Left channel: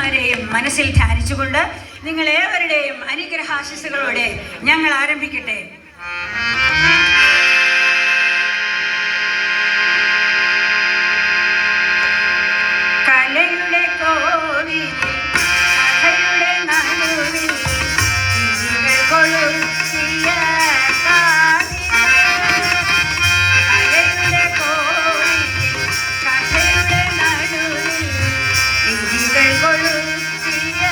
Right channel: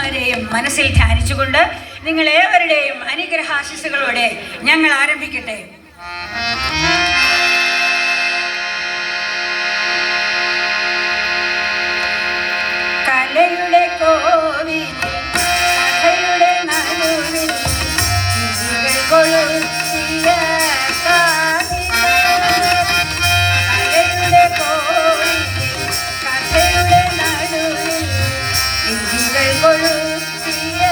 ഗുരുക്കന്മാരെയും മനസ്സിൽ ധ്യാനിച്ചുകൊണ്ട് നിങ്ങളേവരുടെയും അനുഗ്രഹാശിസുകളോടെ ഞങ്ങൾ ആരംഭിക്കട്ടെ. കലയുടെ കോവിൽ കഥയുടെ നടുവിൽ കൊളുത്തിയ കലയുടെ കോവിൽ കഥയുടെ നടുവിൽ കൊളുത്തിയ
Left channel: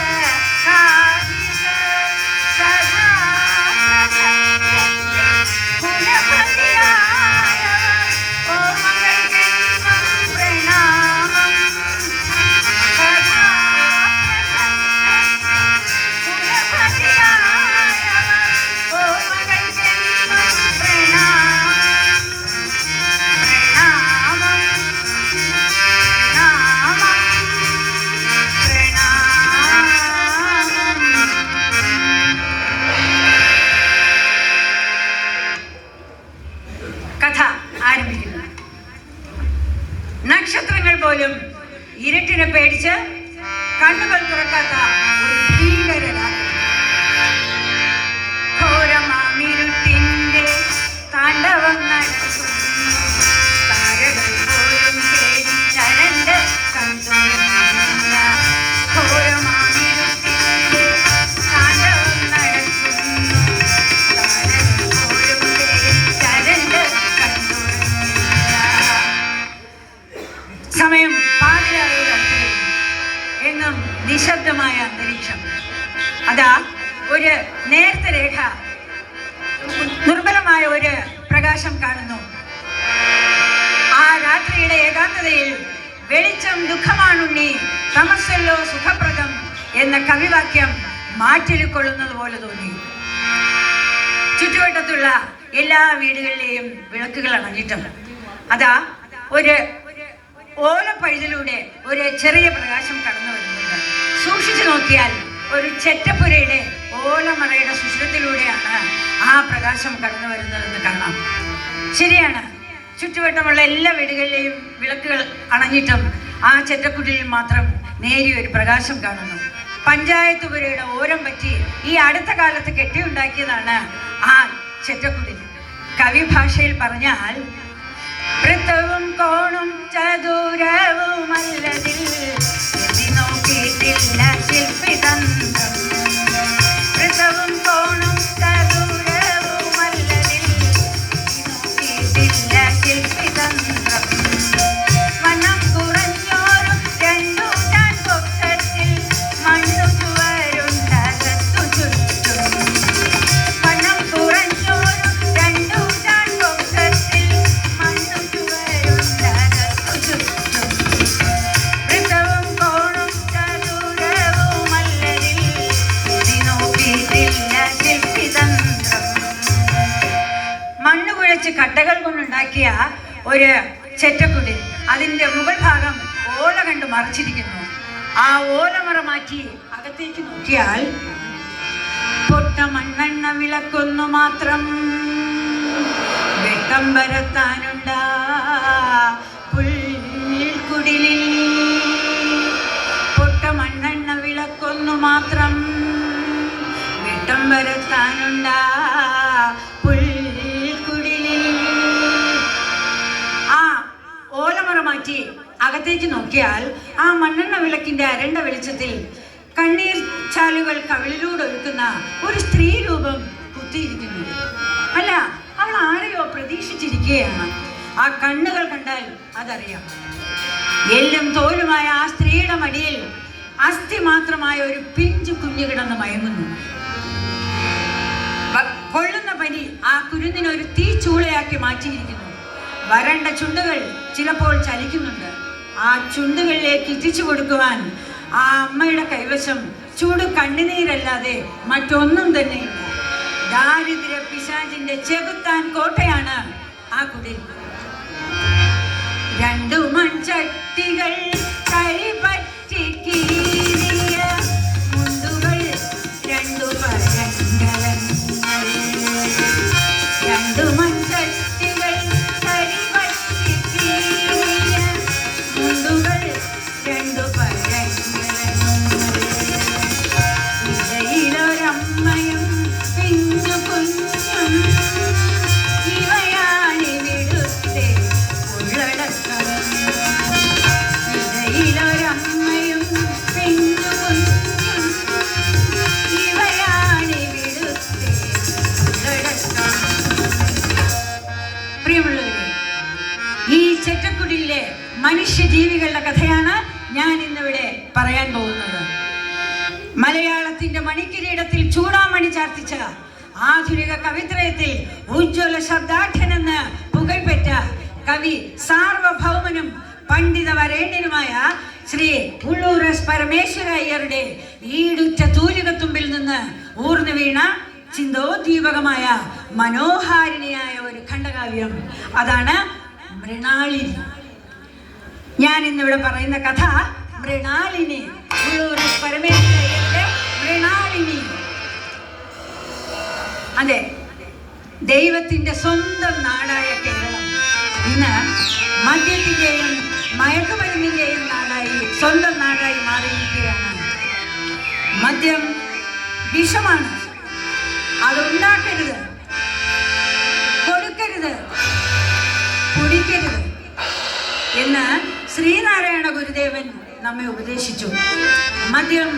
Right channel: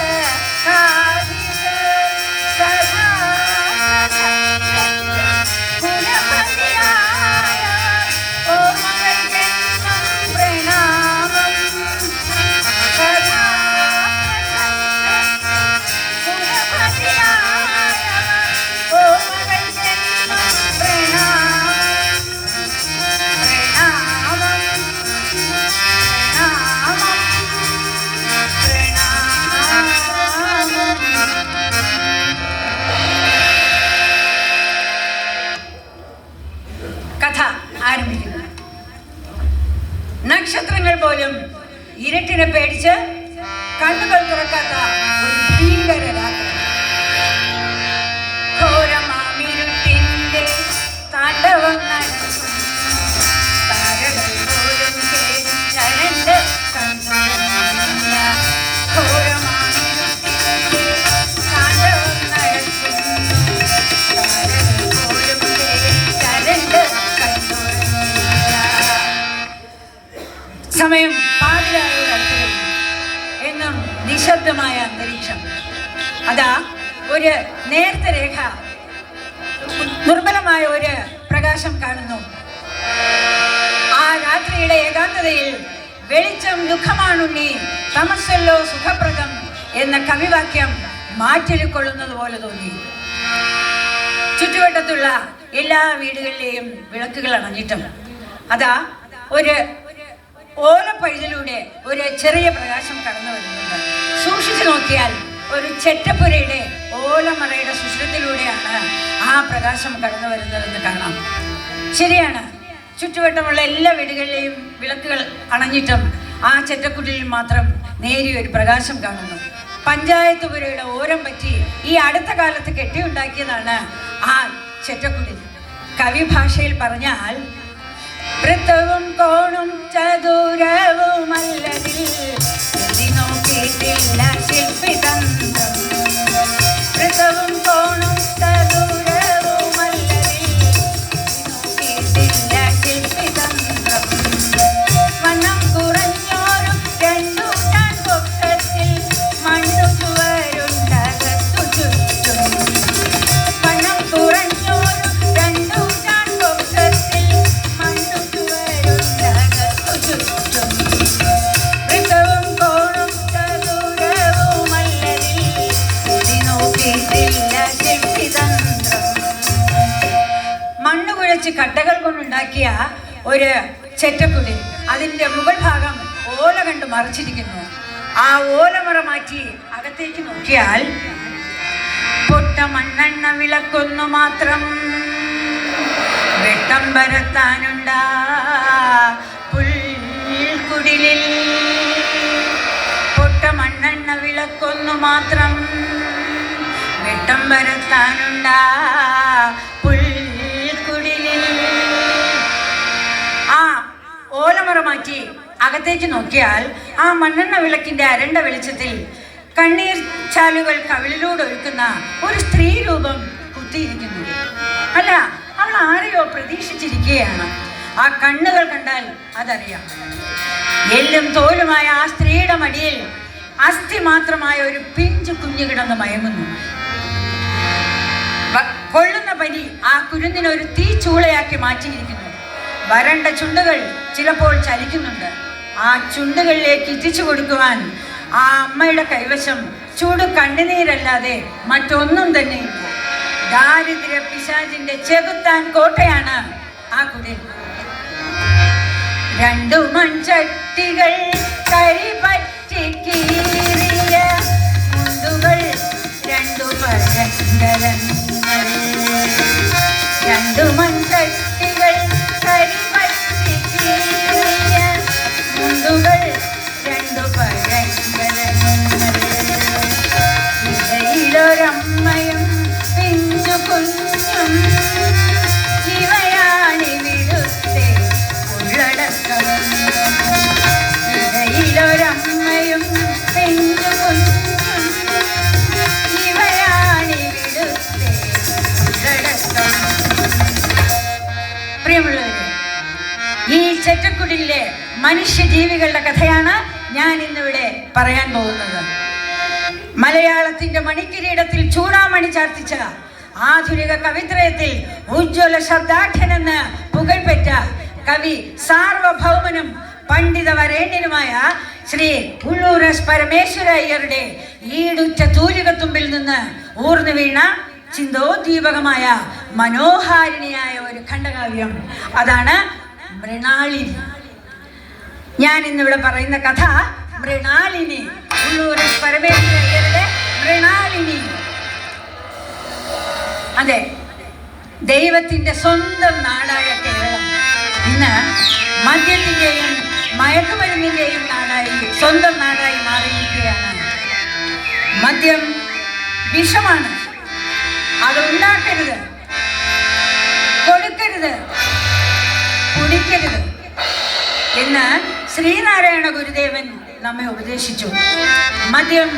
നക്ഷത്രങ്ങൾ പോലും ഇരുട്ടിനെ പേടിച്ച് കണ്ണുകൾ തുറക്കാത്ത ഒരു ഭീകര രാത്രി. ഘോരമാമിരുട്ടിന്റെ താണ്ഡവം നടക്കുന്നു. താരകൾ പോലും പേടിച്ചരണ്ട് കണ്ടുകൊണ്ടില്ല. ഘോരമാമിരുട്ടിന്റെ താണ്ഡവം നടക്കുന്നു. താരകൾ പോലും പേടിച്ചരണ്ട് സമയം പാതിരായോട് അടുത്ത് കഴിഞ്ഞു. എന്നും നിശബ്ദമായ അന്തരീക്ഷം. അതാ ഒരു നേർത്ത രേഖ, ദുർബലമായ ഒരു പ്രകാശം കാണുന്നു. ആ രാത്രിയുടെ ഏകാന്തതയിൽ വെളിച്ചം ദുഃഖമാണുണ്ണി, തമസ്സല്ലോ സുഖപ്രദം എന്ന കവിവാക്യം മാറ്റിക്കൊള്ളുന്നത് പോലെ തോന്നി. ചുറ്റുവട്ടത്തുള്ള എല്ലാ വീടുകളിലെയും വിളക്കുകൾ അണഞ്ഞിട്ടും അതാ ഒരു ഓലപ്പഴുതിലൂടെ ഒരു ചെറിയ പ്രകാശം കടന്നു വരുന്നുണ്ട്. സൂക്ഷിച്ചു നോക്കിയാൽ ഒരു ചെറ്റപ്പുരയുടെ ഓലമറയുടെ സുഷിരത്തിലൂടെയാണ് ആ പ്രകാശം കടന്നു വരുന്നതെന്ന് കാണാം. ശരിയാണ്, ചുറ്റുവട്ടമുള്ള എല്ലാ വീടുകളിലെയും വിളക്കുകൾ അണഞ്ഞിട്ടും ആ ചെറ്റക്കുടിയിൽ മാത്രം നേരിയൊരു പ്രകാശം കാണുന്നു. പഞ്ചായത്ത് പുരയുടെ ഓരം പറ്റി ഈ അടുത്ത കാലത്ത് കെട്ടിയുണ്ടാക്കിയതാണ് ആ ചെറ്റക്കുടിൽ. കവി ഭാഷയിൽ പറഞ്ഞാൽ വൃത്തവും കോണും ചതുരവുമല്ലതിൽ നോക്കിയിട്ടില്ല ശില്പിതന്ത്രം. വൃത്തവും കോണും ചതുരവുമല്ലതിൽ നോക്കിയിട്ടില്ല ശില്പിതന്ത്രം. മണ്ണം കുറഞ്ഞോറും രണ്ടു ഞാൻ പൊക്കത്തിൽ മണ്ണു ചുവരുണ്ടകത്തു ചുറ്റും. മണ്ണം കുറഞ്ഞോറും രണ്ടു ഞാൻ പൊക്കത്തിൽ മണ്ണ് കുഴച്ച് കട്ടകൾ കൊണ്ടുണ്ടാക്കിയ ഒരു ചെറ്റക്കുടിൽ, അതിൻ്റെ മുകൾ ഭാഗം ഓല കണ്ട് മറച്ചിരിക്കുന്നു. ആ ഓലമറ മാറ്റി അകത്തേക്ക് നോക്കിയാൽ പൊട്ട മണ്ണെണ്ണ വിളക്കൊന്നു മാത്രം വെട്ടം പരത്താനുണ്ടാ പുൽക്കുടിലിൽ. പൊട്ട മണ്ണെണ്ണ വിളക്കൊന്നു മാത്രം വെട്ടം പരത്താനുണ്ടാ പുൽക്കുടിലിൽ. ആ ഓലമറ മാറ്റി അകത്തേക്ക് നോക്കിയാൽ ആ മണ്ണെണ്ണ വിളക്കിന്റെ അരണ്ട വെളിച്ചത്തിൽ കണ്ണീർ ചാലുകൾ കവിളിലൂടെ ഒഴുക്കുന്ന ഒരു സ്ത്രീ രൂപം കുത്തിയിരിക്കുന്നു. അല്ല, അവൾ ആരെയോ പ്രതീക്ഷിച്ചിരിക്കുകയാണ്. ആ കണ്ണുകൾ കണ്ടാൽ അതറിയാം. എല്ലും തോലുമായ ആ സ്ത്രീയുടെ മടിയിൽ അസ്ഥി മാത്രമായ ഒരു പിഞ്ചു കുഞ്ഞു കിടന്ന് മയങ്ങുന്നു. കൊള്ളുന്ന പനി ആ കുരുന്നിനെ ഒരു തീച്ചൂളയാക്കി മാറ്റിയിരിക്കുന്നു. വരണ്ട ചുണ്ടുകൾ ചിലപ്പോൾ ചലിക്കുന്നുണ്ട്. ആ ചുണ്ടുകളിലേക്ക് എത്തിച്ചു കൊടുക്കുവാൻ ആ അമ്മയുടെ കൈവശം ചൂട് കണ്ണുനീരല്ലാതെ മറ്റൊന്നും തന്നെയില്ല. ദാരിദ്ര്യ പിശാചിന്റെ ചെകുത്താൻ കോട്ടയാണ് ആ കുടിൽ. രണ്ടു മൺചട്ടികൾ കരിപറ്റി കീറിയ മുണ്ടുകൾ, രണ്ടു പഴങ്കലങ്ങൾ. രണ്ടു മൺചട്ടികൾ കരിപറ്റി കീറിയ മുണ്ടുകൾ, രണ്ടു പഴങ്കലങ്ങൾ. കുഞ്ഞും ഇവയാണിവിടുത്തെ ഉള്ളടക്കം. ഇടയിലൊരമ്മയും പെണ്ണു കുഞ്ഞും ഇവയാണിവിടുത്തെ ഉള്ളടക്കം. പ്രിയമുള്ളവരെ, ഈ ചെറ്റക്കുടിലെ മനുഷ്യജീവികളുടെ കഥയാണ് ഞാൻ ഇന്നിവിടെ പറയാൻ പോകുന്നത്. മലയാളത്തിന്റെ മണിക്കിരീടത്തിൽ ചൂടാമണി ചാർത്തിച്ച ആധുനിക കവിത്രയത്തിൽ ഉജ്ജ്വല ശബ്ദാഠ്യനെന്ന് പുകഴ്പെറ്റ കവി സാർവഭൗമനും പണ്ഡിത വരേണ്യനുമായ ശ്രീ ഉള്ളൂർ എസ് പരമേശ്വര അയ്യരുടെ ഈടുറ്റ തൂലികത്തുമ്പിൽ നിന്ന് ഊർന്നു വീണ ചിന്തോദ്ദീപകമായ മനോഹാരിണിയായ ഒരു ഖണ്ഡകാവ്യം, അതാണ് മൃണാളിനി. ഞാൻ ഇന്നിവിടെ പറയുന്ന കഥ മൃണാളിനി, ഉള്ളൂർ എസ് പരമേശ്വര അയ്യരുടെ മൃണാളിനി. അതെ, ദൈവത്തിന്റെ സ്വന്തം നാടായ കേരളം ഇന്ന് മദ്യത്തിന്റെയും മയക്കുമരുന്നിന്റെയും നാടായി, സ്വന്തം നാടായി മാറിയിരിക്കുകയാണ്. മദ്യം വിഷമാണ്, അത് ഉണ്ടാക്കരുത്, കൊടുക്കരുത്, കുടിക്കരുത് എന്ന് ശ്രീനാരായണ ഗുരുദേവൻ നമ്മെ ഉപദേശിച്ചു. മദ്യം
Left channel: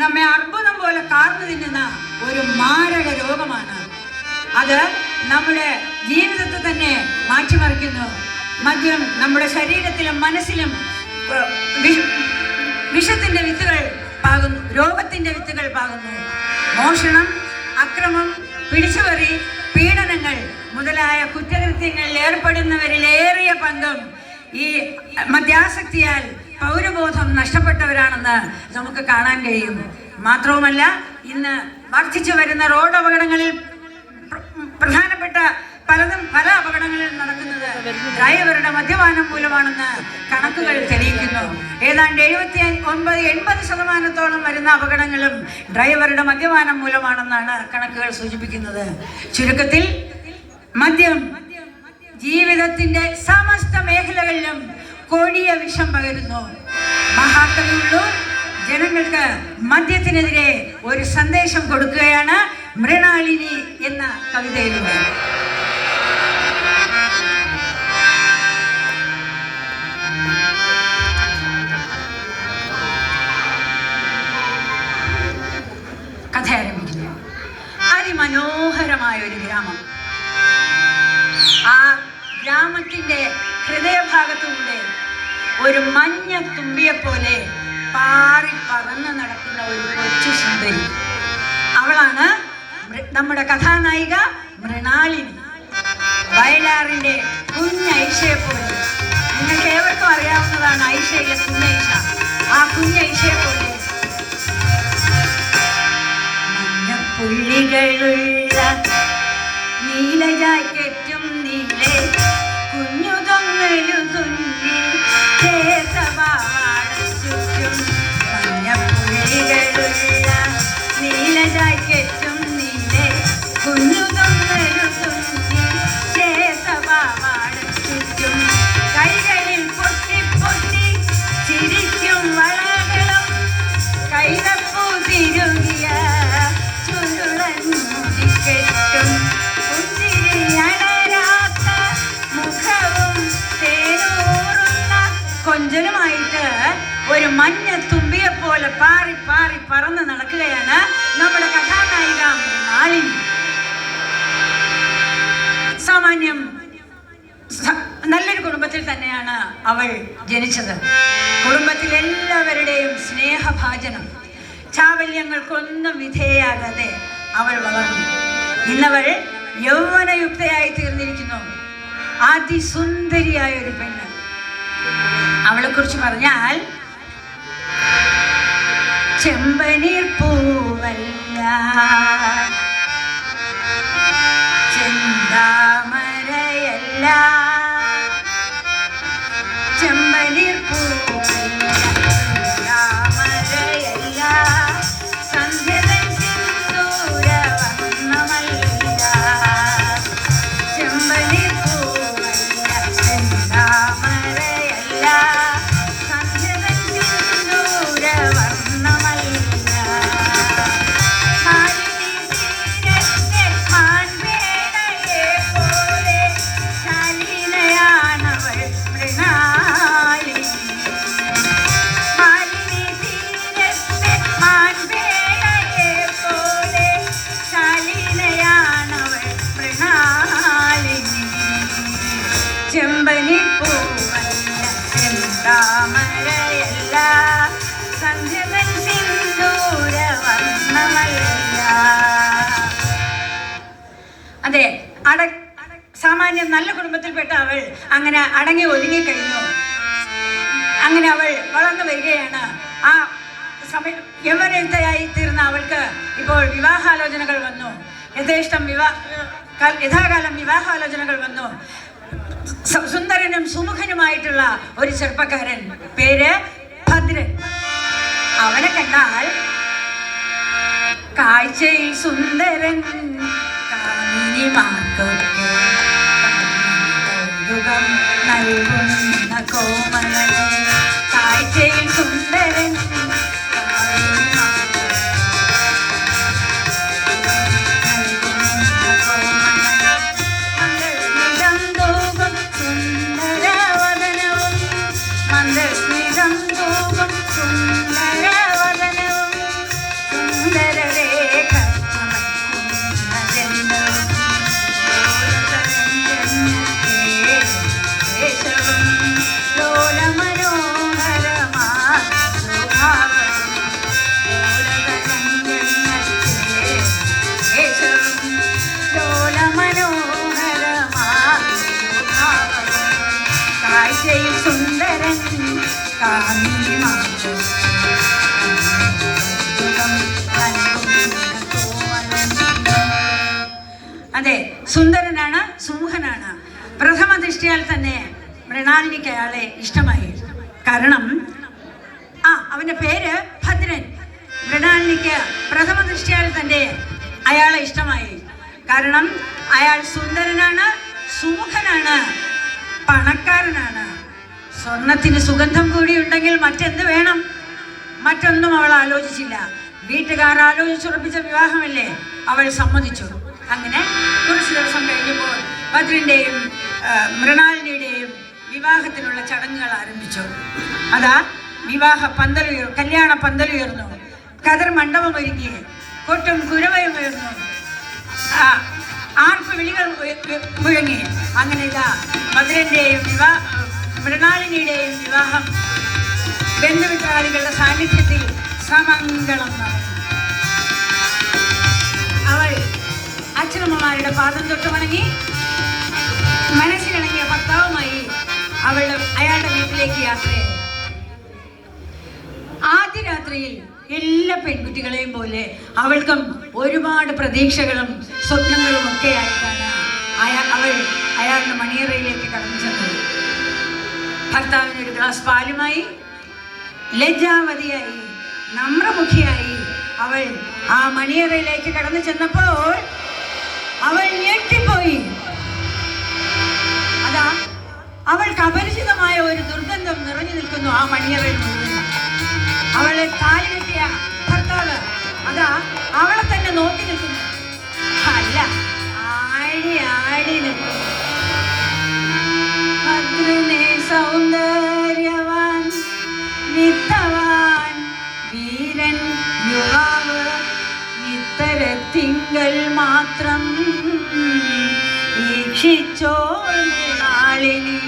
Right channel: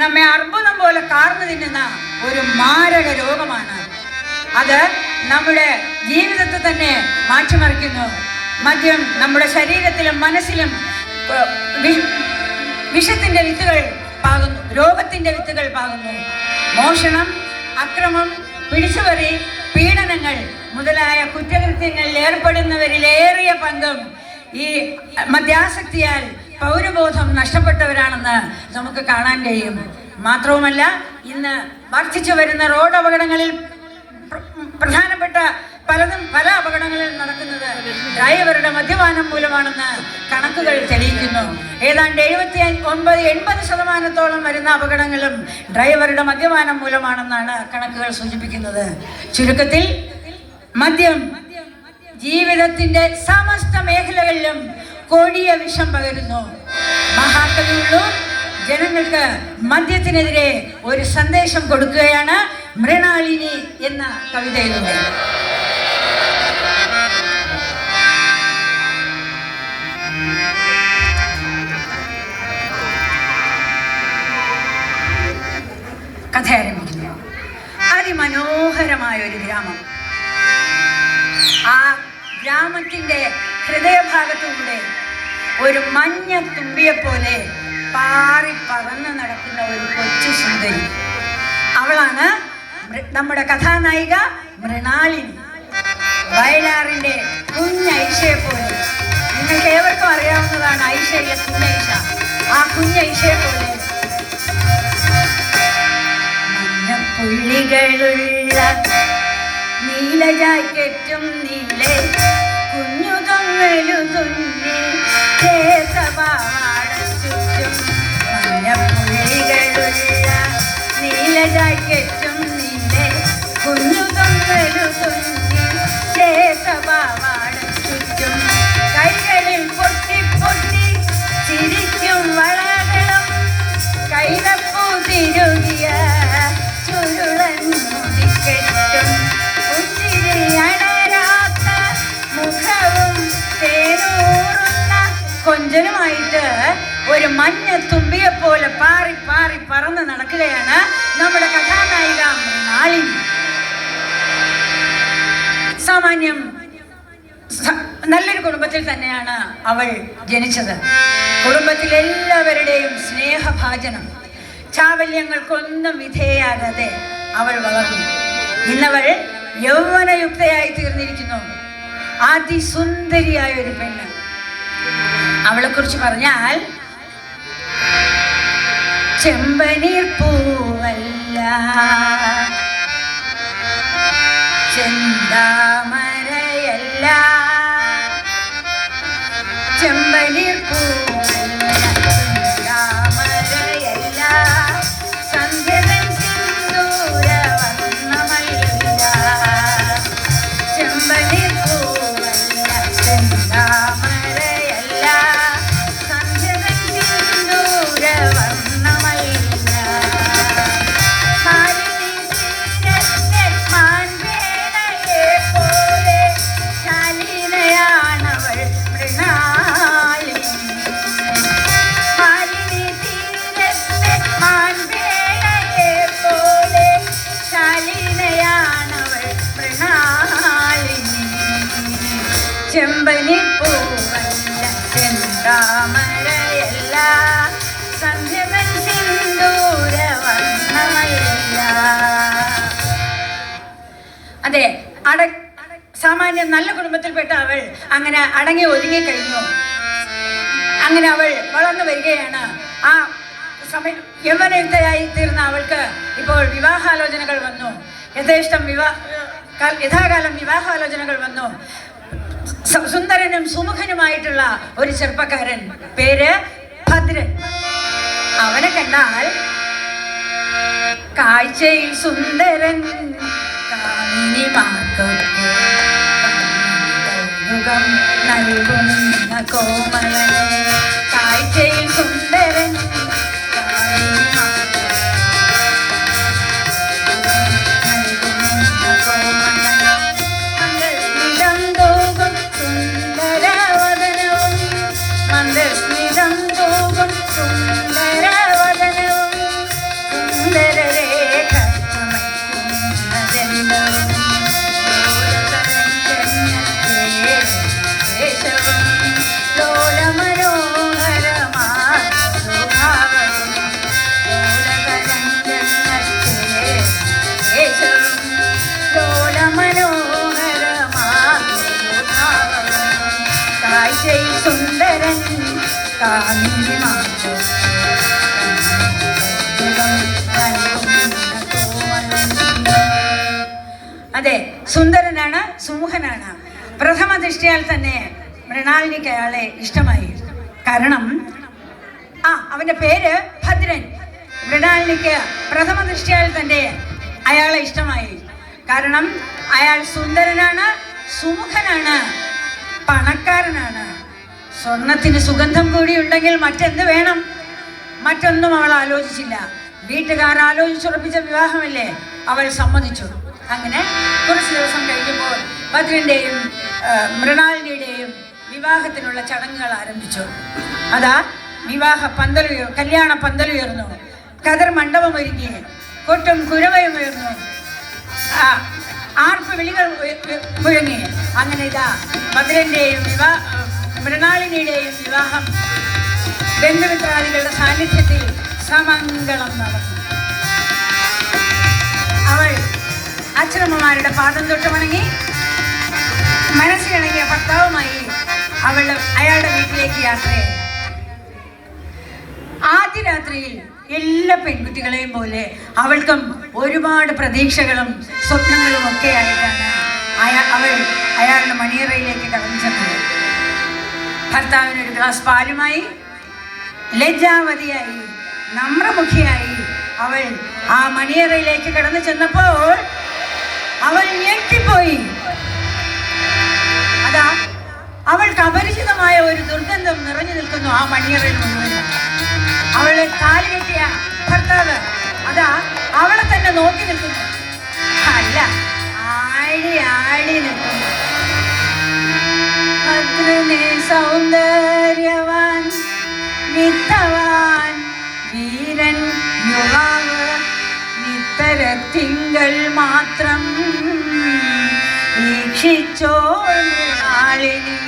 നമ്മെ അർബുദം പോലെ കാർന്നു തിന്നുന്ന ഒരു മാരക രോഗമാണ്. അത് നമ്മുടെ ജീവിതത്തെ തന്നെ മാറ്റിമറിക്കുന്നു. മദ്യം നമ്മുടെ ശരീരത്തിലും മനസ്സിലും വിഷത്തിന്റെ വിത്തുകൾ പാകുന്നു, രോഗത്തിന്റെ വിത്തുകൾ പാകുന്നു. മോഷണം, അക്രമം, പിടിച്ചുപറി, പീഡനങ്ങൾ മുതലായ കുറ്റകൃത്യങ്ങളിൽ ഏർപ്പെടുന്നവരിലേറിയ പങ്കും ഈ മദ്യാസക്തിയാൽ പൗരബോധം നഷ്ടപ്പെട്ടവരാണെന്ന് നമുക്ക് കാണാൻ കഴിയും. മാത്രവുമല്ല, ഇന്ന് വർദ്ധിച്ചു വരുന്ന റോഡ് അപകടങ്ങളിൽ പ്രധാനപ്പെട്ട പല അപകടങ്ങളിൽ നടക്കുന്നത് ഡ്രൈവറുടെ മദ്യപാനം മൂലമാണെന്ന് കണക്കുകൾ തെളിയിക്കുന്നു. ഏതാണ്ട് 79-80% വരുന്ന അപകടങ്ങളും ഡ്രൈവറുടെ മദ്യപാനം മൂലമാണെന്നാണ് കണക്കുകൾ സൂചിപ്പിക്കുന്നത്. ചുരുക്കത്തിൽ, മദ്യം ജീവിതത്തിന്റെ സമസ്ത മേഖലകളിലും കൊടിയ വിഷം പകരുന്നു. മഹാകവി ഉള്ളൂർ ജനങ്ങൾക്ക് മദ്യത്തിനെതിരെ ഒരു സന്ദേശം കൊടുക്കുകയാണ് മൃണാളിനി എന്ന കവിതയിലൂടെ. കഥ ആരംഭിക്കുന്നു. അതിമനോഹരമായ ഒരു ഗ്രാമം. ആ ഗ്രാമത്തിന്റെ ഹൃദയഭാഗത്തൂടെ ഒരു മഞ്ഞ തുമ്പിയെ പോലെ പാറി പറന്ന് നടക്കുന്ന ഒരു കൊച്ചു സുന്ദരി. അവളാണ് നമ്മുടെ കഥാനായിക മൃണാളിനി. വയലാറിന്റെ കുഞ്ഞൈഷയെ പോലെ, നിങ്ങൾക്ക് ഏവർക്കും അറിയാവുന്നതാണ് ഐഷയെ, കുഞ്ഞൈഷ. ആ കുഞ്ഞൈഷയെ പോലെ മഞ്ഞപ്പുള്ളികളുള്ള നീല ജാക്കറ്റും നീലെ കുഞ്ഞു തൊങ്ങലു തുന്നി ചുറ്റും. മഞ്ഞപ്പുള്ളികളുള്ള നീല ജാക്കറ്റും നീലെ കുഞ്ഞു തൊങ്ങലു തുന്നി ചുറ്റും. കൈകളിൽ പൊട്ടി പൊട്ടി ചിരിക്കും വളകളും കൈതപ്പൂ തിരുകിയ ചുരുളൻ മുടിക്കെട്ടും പുഞ്ചിരി അടരാത്ത മുഖവും തേനൂറുന്ന കൊഞ്ചലുമായിട്ട് ഒരു മഞ്ഞ തുമ്പിയെ പോലെ പാറി പാറി പറന്ന് നടക്കുകയാണ് നമ്മുടെ കഥാനായിക മൃണാളിനി. സാമാന്യം നല്ലൊരു കുടുംബത്തിൽ തന്നെയാണ് അവൾ ജനിച്ചത്. കുടുംബത്തിലെല്ലാവരുടെയും സ്നേഹഭാജനം, ചാവല്യങ്ങൾക്കൊന്നും വിധേയാകാതെ അവൾ വളർന്നു. ഇന്നവൾ യൗവനയുക്തയായി തീർന്നിരിക്കുന്നു. അതിസുന്ദരിയായ ഒരു പെണ്ണ്. അവളെ കുറിച്ച് പറഞ്ഞാൽ, ചെമ്പനീർ പൂവല്ല, ചെന്താമരയല്ല, ചെമ്പനീർ പൂവല്ല, ചെന്താമരയല്ല, സന്ധ്യതൻ സിന്ദൂര വർണ്ണമല്ല, ചെമ്പനീർ പൂവല്ല, ചെന്താമരയല്ല, സന്ധ്യതൻ സിന്ദൂര വർണ്ണമല്ല, ഭാരതി തീരത്തെ ചെമ്പനിപ്പൂവല്ല ചെന്താമരയല്ല സന്ധ്യതൻ സിന്ദൂര വർണ്ണമല്ല. അതെ, സാമാന്യം നല്ല കുടുംബത്തിൽപ്പെട്ട അവൾ അങ്ങനെ അടങ്ങി ഒതുങ്ങിക്കഴിഞ്ഞു. അങ്ങനെ അവൾ വളർന്നു വരികയാണ്. ആ സമയം യൗവനയുക്തയായി തീർന്ന അവൾക്ക് ഇപ്പോൾ വിവാഹാലോചനകൾ വന്നു. യഥാകാലം വിവാഹാലോചനകൾ വന്നു. സുന്ദരനും സുമുഖനുമായിട്ടുള്ള ഒരു ചെറുപ്പക്കാരൻ, പേര് ഭദ്രൻ. അവനെ കണ്ടാൽ കാഴ്ചയിൽ സുന്ദരൻ, കാമിനിമാർക്കൊക്കെ കൗതുകം നൽകുന്ന കോമളൻ. കാഴ്ചയിൽ സുന്ദരൻ, സുന്ദരൻ അതെ, സുന്ദരനാണ്, സുമുഖനാണ്. പ്രഥമ ദൃഷ്ടിയാൽ തന്നെ മൃണാലിനിക്ക് അയാളെ ഇഷ്ടമായി. കാരണം അവന്റെ പേര് ഭദ്രൻ. മൃണാലിനിക്ക് പ്രഥമ ദൃഷ്ടിയാൽ തന്നെ അയാളെ ഇഷ്ടമായി. കാരണം അയാൾ സുന്ദരനാണ്, സുമുഖനാണ്, പണക്കാരനാണ്. സ്വർണത്തിന് സുഗന്ധം കൂടി ഉണ്ടെങ്കിൽ മറ്റെന്ത് വേണം? മറ്റൊന്നും അവൾ ആലോചിച്ചില്ല. വീട്ടുകാർ ആലോചിച്ചുറപ്പിച്ച വിവാഹമല്ലേ, അവൾ സമ്മതിച്ചു. അങ്ങനെ കുറച്ച് ദിവസം കഴിഞ്ഞപ്പോൾ ഭദ്രന്റെയും മൃണാലിനിയുടെയും വിവാഹത്തിനുള്ള ചടങ്ങുകൾ ആരംഭിച്ചു. അതാ കല്യാണ പന്തലുയർന്നു, കതർ മണ്ഡപം ഒരുങ്ങി, കൊട്ടും കുരവയും ഉയർന്നു, ആർപ്പ് വിളികൾ മുഴങ്ങി. അങ്ങനെ ഇതാ ഭദ്രന്റെയും മൃണാലിനിയുടെയും വിവാഹം ബന്ധുമിത്രാദികളുടെ സാന്നിധ്യത്തിൽ സമംഗളം നടന്നു. അവൾ അച്ഛനമ്മമാരുടെ പാദം തൊട്ട് വണങ്ങി മനസ്സിലിണങ്ങിയ ഭർത്താവുമായി അയാളുടെ വീട്ടിലേക്ക് യാത്രയായി. ആദ്യ രാത്രിയിൽ എല്ലാ പെൺകുട്ടികളെയും പോലെ അവൾക്കും ഒരുപാട് പ്രതീക്ഷകളും സ്വപ്നങ്ങളും ഒക്കെ ആയിട്ടാണ് അവൾ അയാളുടെ മണിയറയിലേക്ക് കടന്നു ചെന്നത്. ഭർത്താവിനൊരു ഗ്ലാസ് പാലുമായി, ലജ്ജാവതിയായി, നമ്രമുഖിയായി അവൾ ആ മണിയറയിലേക്ക് കടന്നു ചെന്നപ്പോൾ അവൾ ഞെട്ടിപ്പോയി. അതാ അവൾക്ക് അപരിചിതമായ ഒരു ദുർഗന്ധം നിറഞ്ഞു നിൽക്കുന്നു ആ മണിയറയിൽ മുഴുവൻ. അവളെ താലി കെട്ടിയ ഭർത്താവ് അതാ അവളെ തന്നെ നോക്കി നിൽക്കുന്നു. അല്ല, ആടി ആടി നിൽക്കുന്നു. ഭദ്രനെ സൗന്ദര്യവാൻ, വിത്തവാൻ, വീരൻ, യുവാവ്, ഇത്തരത്തിങ്കൾ മാത്രം വീക്ഷിച്ചോൾ മൃണാലിനി.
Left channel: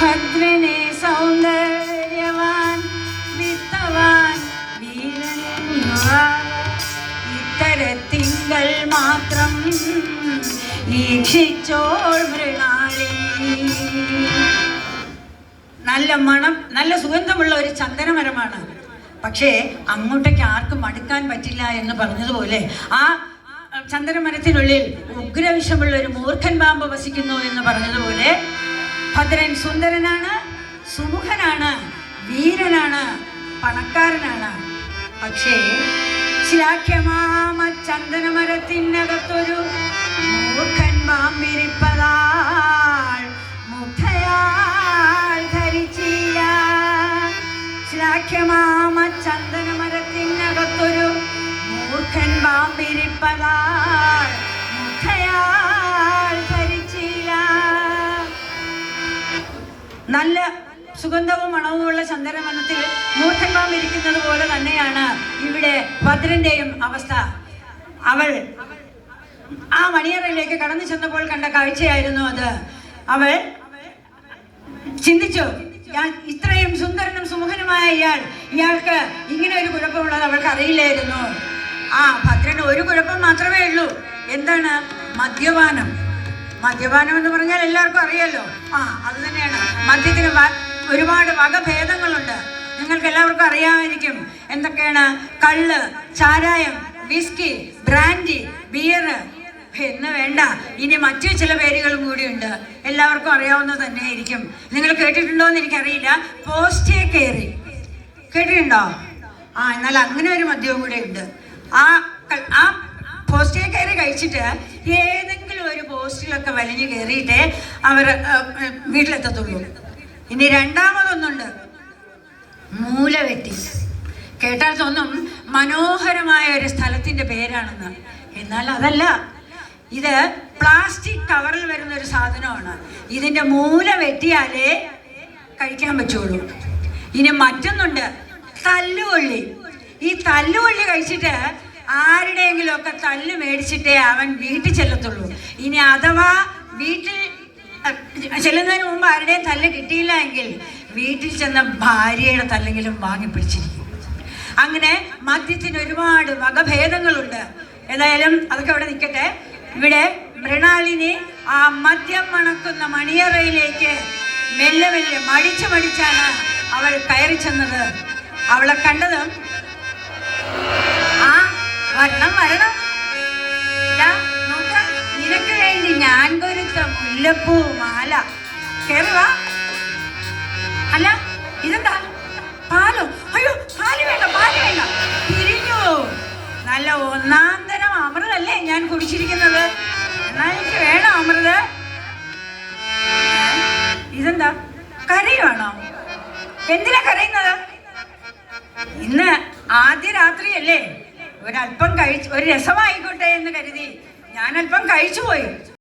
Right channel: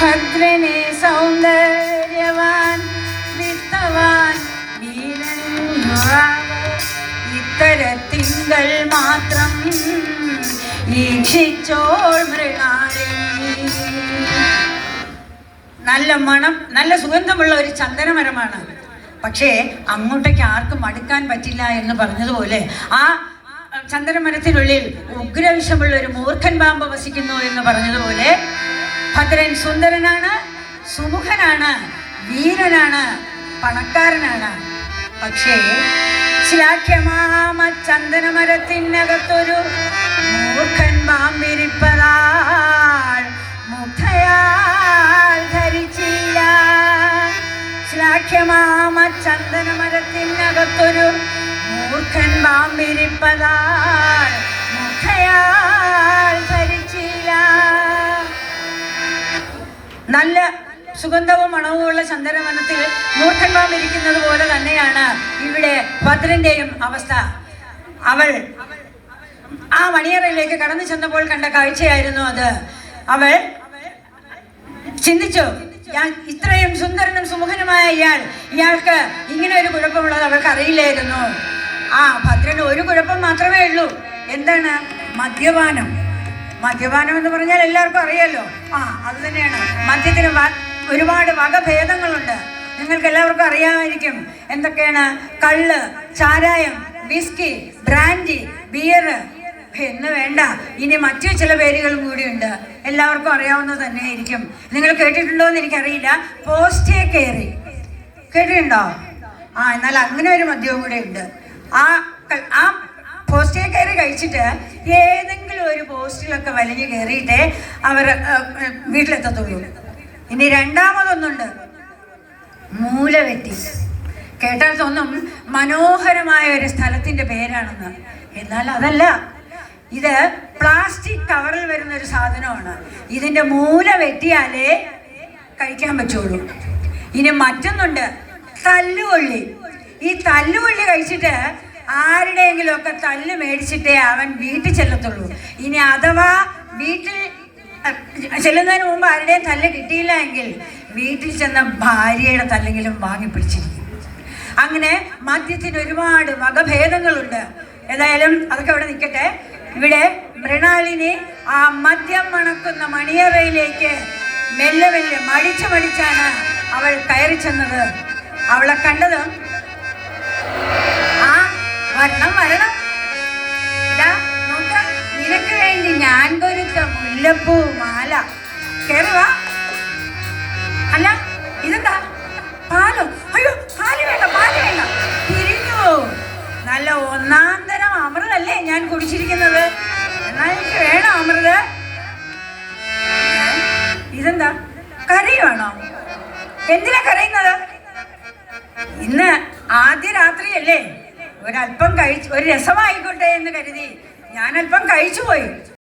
ഭദ്രനെ സൗന്ദര്യവാൻ, വിത്തവാൻ, വീരൻ, യുവാവ്, ഇത്തരത്തിങ്കൾ മാത്രം വീക്ഷിച്ചോൾ മൃണാലിനി. നല്ല മണം, നല്ല സുഗന്ധമുള്ള ഒരു ചന്ദനമരമാണ്. പക്ഷേ അങ്ങോട്ടേക്ക് ആർക്കും അടുക്കാൻ പറ്റില്ല എന്ന് പറഞ്ഞതുപോലെ ആ ചന്ദനമരത്തിനുള്ളിൽ ഉഗ്രവിഷമുള്ള ഒരു മൂർഖൻ പാമ്പ് വസിക്കുന്നു എന്ന് പറഞ്ഞതുപോലെ ഭദ്രൻ സുന്ദരനാണ്, സുമുഖനാണ്, വീരനാണ്, പണക്കാരനാണ്. പക്ഷേ ശ്ലാഘ്യമാമ ചന്ദനമരത്തിനകത്തൊരു മൂർഖൻ പാമ്പിരിപ്പതാൾ മുഖയാൽ ധരിച്ചില്ല. ശ്ലാഘ്യമാമ ചന്ദനമരത്തിനകത്തൊരു മൂർഖൻ പാമ്പിരിപ്പതാൾ മുഖയാൽ ധരിച്ചില്ല. നല്ല സുഗന്ധവും മണവുമുള്ള ചന്ദനവനത്തിൽ മൂർഖൻ പാമ്പ് ഇരിക്കുന്നത് പോലെ തന്നെയാണ് ഇവിടെ ഭദ്രന്റെയും അവസ്ഥ. അവൾ ആ മണിയറയിലേക്ക് കടന്നു ചെന്നപ്പോൾ കണ്ട കാഴ്ചയായിരുന്നു അത്. അവൾ ചിന്തിച്ചു, ഇത്രയും സുന്ദരനും സുമുഖനുമായ ഇയാൾക്ക് ഇങ്ങനെ ഒരു കുഴപ്പമുള്ളത് അവൾക്ക് അറിയില്ലായിരുന്നു. ഭദ്രന് ഒരു കുഴപ്പം മാത്രമേ ഉള്ളൂ. എന്താണ്? മദ്യപാനം. മദ്യപാനം എന്ന് പറഞ്ഞാൽ എല്ലാവർക്കും അറിയാലോ. അത് തന്നെയാണ്. മദ്യത്തിന് ഒരുപാട് വകഭേദങ്ങളുണ്ട്. നിങ്ങൾക്ക് എല്ലാവർക്കും അറിയാമായിരിക്കും എന്തൊക്കെയാണ്. കള്ള്, ചാരായം, വിസ്കി, ബ്രാൻഡി, ബിയർ എന്ന് വേണ്ട, ഇനി മറ്റു ചില പേരുകളും കൂടിയുണ്ട്. എല്ലാവർക്കും അറിയാവുന്നത് തന്നെയായിരിക്കും. നിങ്ങൾ കേട്ടിട്ടുണ്ടോ എന്ന് എനിക്കറിയില്ല. പോസ്റ്റേ കയറി കേട്ടിട്ടുണ്ടോ? എന്നാൽ അങ്ങനെ ഒരു മദ്യവും കൂടെ ഉണ്ട്. ആ പോസ്റ്റേ കയറി കഴിച്ചിട്ട് ഏതെങ്കിലും ഒരു പോസ്റ്റിലൊക്കെ വലിഞ്ഞു കയറിയിട്ടേ അവർ വീട്ടിലെത്തത്തുള്ളൂ. ഇനി രണ്ടാമതൊന്നുണ്ട്, മൂലവെറ്റി. കേട്ടാൽ തോന്നും മനോഹരമായ ഒരു സ്ഥലത്തിന്റെ പേരാണെന്ന്. എന്നാൽ അതല്ല. ഇത് പ്ലാസ്റ്റിക് കവറിൽ വരുന്ന ഒരു സാധനമാണ്. ഇതിന്റെ മൂല വെട്ടിയാലേ കഴിക്കാൻ പറ്റുള്ളൂ. ഇനി മറ്റൊന്നുണ്ട്, തല്ലുകൊള്ളി. ഈ തല്ലുകൊള്ളി കഴിച്ചിട്ട് ആരുടെയെങ്കിലും ഒക്കെ തല്ല് മേടിച്ചിട്ടേ അവൻ വീട്ടിൽ ചെല്ലത്തുള്ളൂ. ഇനി അഥവാ വീട്ടിൽ ചെല്ലുന്നതിന് മുമ്പ് ആരുടെയും തല്ല് കിട്ടിയില്ല എങ്കിൽ വീട്ടിൽ ചെന്ന ഭാര്യയുടെ തല്ലെങ്കിലും വാങ്ങിപ്പിടിച്ചിരിക്കും. അങ്ങനെ മദ്യത്തിന് ഒരുപാട് വകഭേദങ്ങളുണ്ട്. ഏതായാലും അതൊക്കെ ഇവിടെ നിൽക്കട്ടെ. ഇവിടെ മൃണാളിനി ആ മദ്യം മണക്കുന്ന മണിയറയിലേക്ക് മെല്ലെ മെല്ലെ മടിച്ചാണ് അവൾ കയറി ചെന്നത്. അവളെ കണ്ടതും വരണം നോക്ക, നിനക്ക് വേണ്ടി ഞാൻ പൊരുത്ത മുല്ലപ്പൂ മാല. കേറുവാ. അല്ല ഇതെന്താ? പാലോ? അയ്യോ, പാല് വേണ്ട. തിരിഞ്ഞു. നല്ല ഒന്നാം തരം അമൃതല്ലേ ഞാൻ കുടിച്ചിരിക്കുന്നത്. എന്നാൽ എനിക്ക് വേണം അമൃത്. ഇതെന്താ? കരയുവാണോ? എന്തിനാ കരയുന്നത്? ഇന്ന് ആദ്യ രാത്രിയല്ലേ, ഒരല്പം ഒരു രസമായിക്കോട്ടെ എന്ന് കരുതി ഞാൻ അല്പം കഴിച്ചു പോയി.